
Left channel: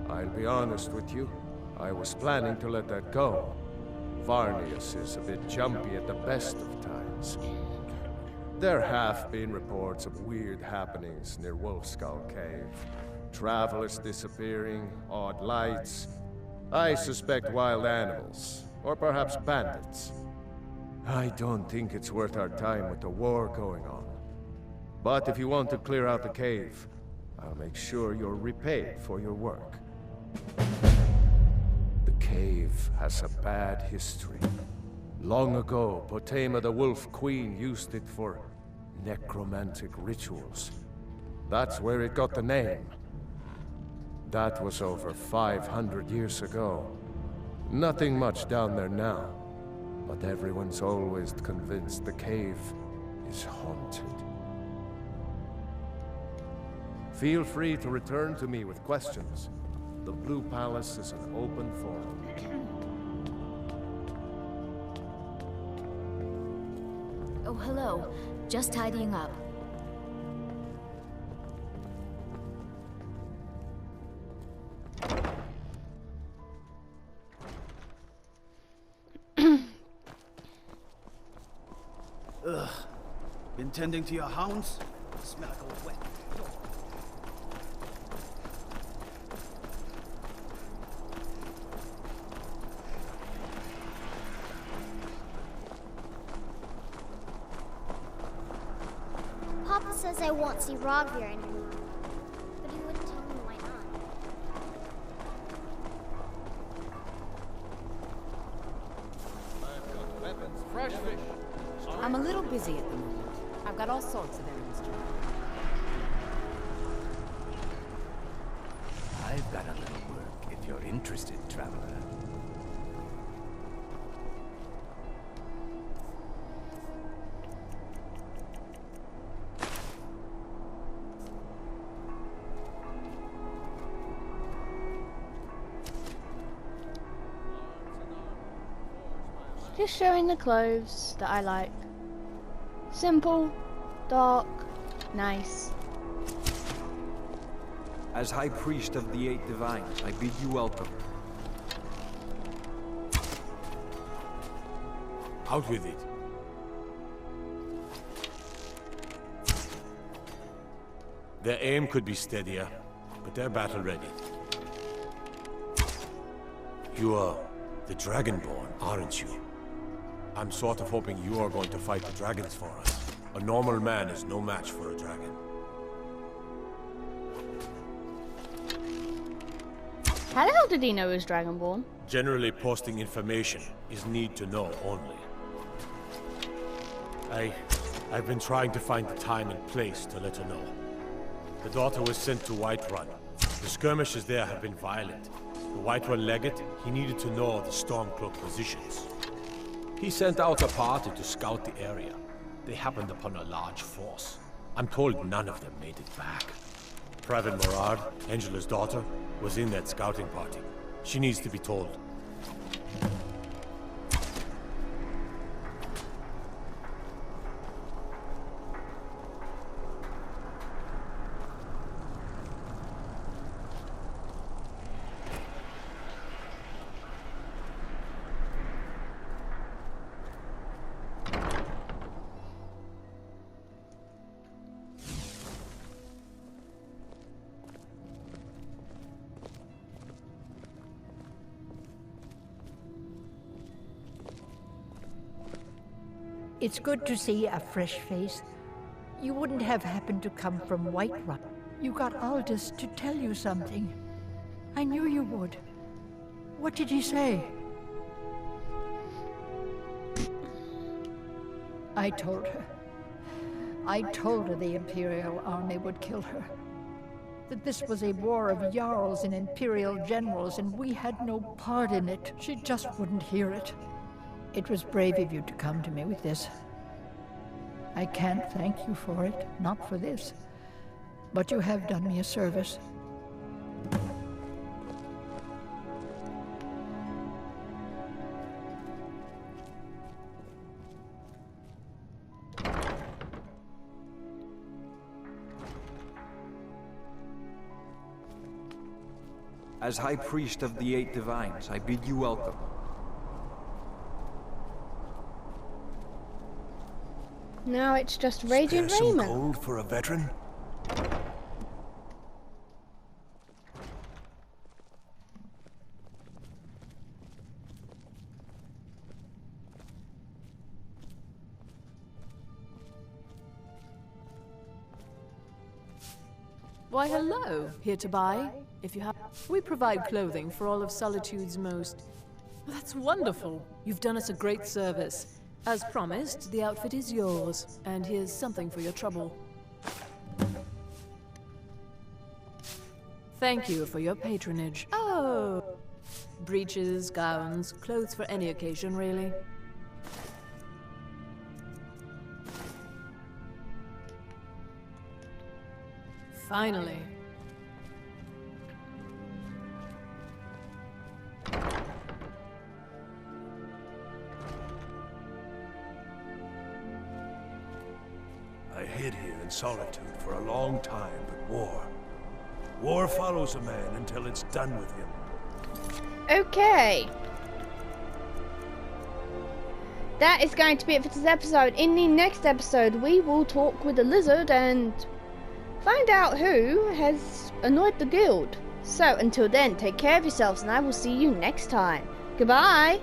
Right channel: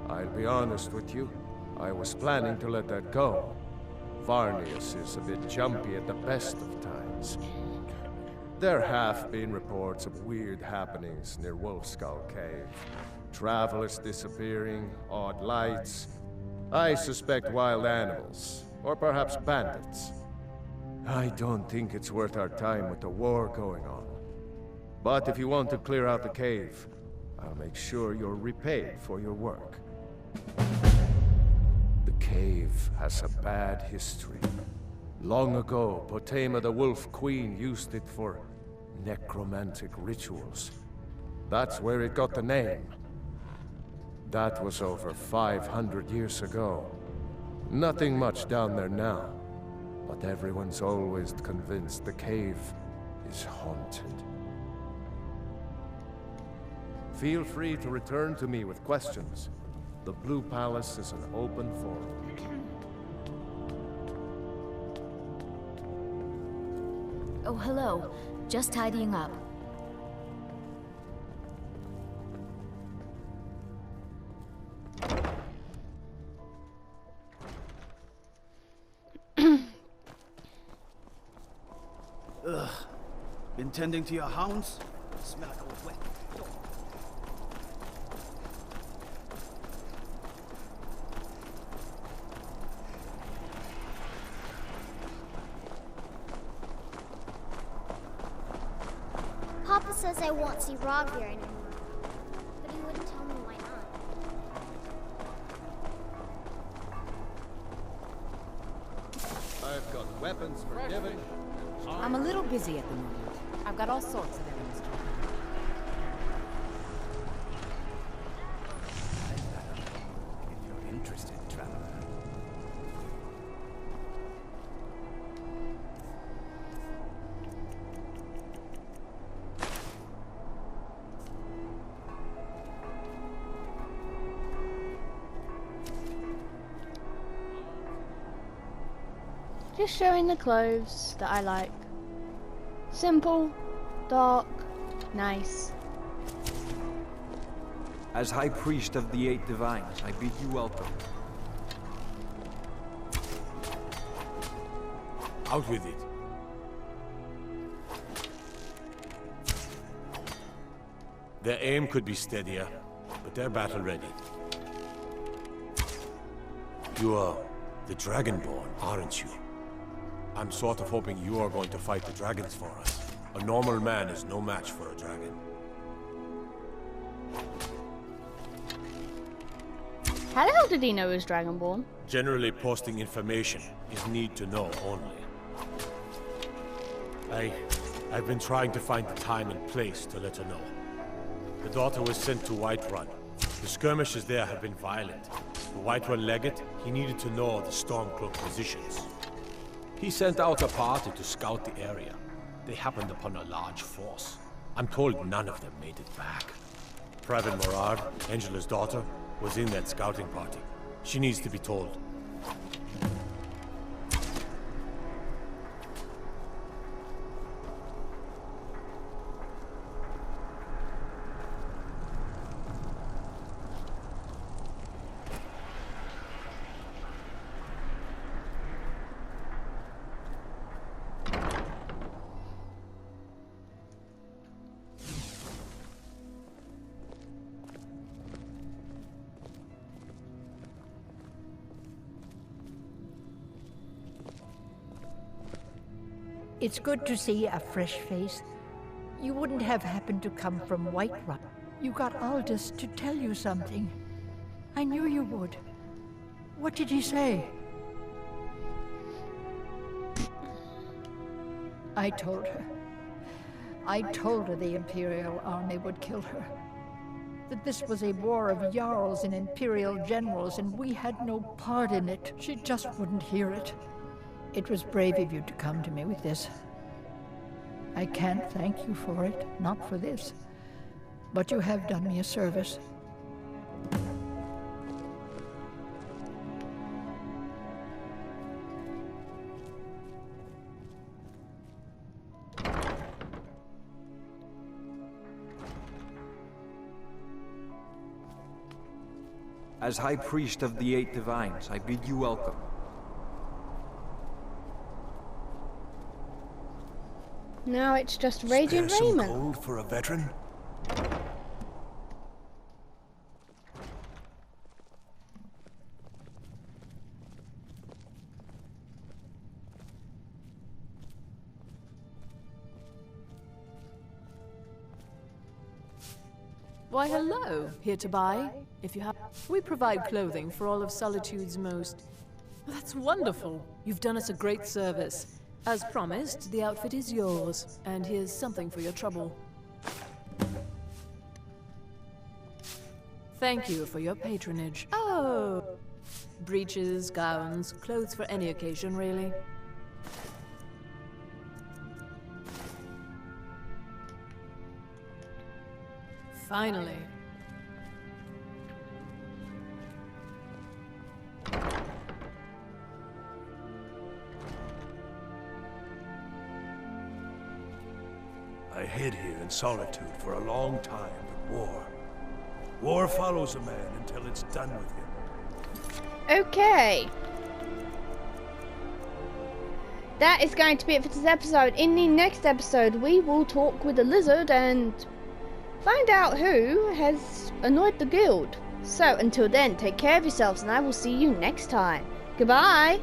I'll be honest with you. I was planning to let that go. Varnius is a bit jumpy at the best of times. There have been reports of weird happenings near Wolfskull Cave. Travelers disappearing, odd lights. I suspect wild animals, or perhaps bandits. I don't think it's worth our time with the war going on. But if you want to clear out the cave, I'll make sure you're repaid for your work. The cave has a bad history. Long ago, Potema the Wolf Queen used it for necromantic rituals. That's where it got the name. That was over 500 years ago. Nothing much down there now. But everyone's always convinced the cave is haunted. Feel free to return to me with questions. The Blue Palace is an open forum. Oh, hello. Just tidying up. Ugh. Been tending to your hounds? Smell like a wet dog. Papa says I won't see Rogvir anymore, but he wouldn't tell me why not. I've got weapons for Devon. I'm a little busy at the moment. I've got all sorts of errands to run. I've got a little work if you're interested, traveler. Just showing the clothes that I like. Simple, dark, nice. As High Priest of the Eight Divines, I bid you welcome. Out with it. Their aim could be steadier, but they're battle ready. You are the Dragonborn, aren't you? I'm sort of hoping you are going to fight the dragons for us. A normal man is no match for a dragon. How the hell did he know he was Dragonborn? Generally, posting information is need to know only. I've been trying to find the time and place to let her know. The daughter was sent to Whiterun. The skirmishes there have been violent. The Whiterun legate, he needed to know the Stormcloak positions. He sent out a party to scout the area. They happened upon a large force. I'm told none of them made it back. Private Morard, Angela's daughter, was in that scouting party. She needs to be told. It's good to see a fresh face. You wouldn't have happened to come from Whiterun. You got Aldous to tell you something. I knew you would. What did he say? I told her. I told her the Imperial army would kill her. That this was a war of Jarls and Imperial generals, and we had no part in it. She just wouldn't hear it. It was brave of you to come to me with this. I can't thank you for it, not for this. But you have done me a service. As High Priest of the Eight Divines, I bid you welcome. Now it's just Radiant Spare some Raymond. gold for a veteran? Why, hello. Here to buy, if you have. We provide clothing for all of Solitude's most. Well, that's wonderful. You've done us a great service. As promised, the outfit is yours, and here's something for your trouble. Thank you for your patronage. Oh! Breeches, gowns, clothes for any occasion, really. Finally. I hid here in Solitude for a long time, but war follows a man until it's done with him. Okay. That is going to be it for this episode. In the next episode, we will talk with the lizard and find out who has annoyed the guild. So, until then, take care of yourselves and I will see you next time. Goodbye!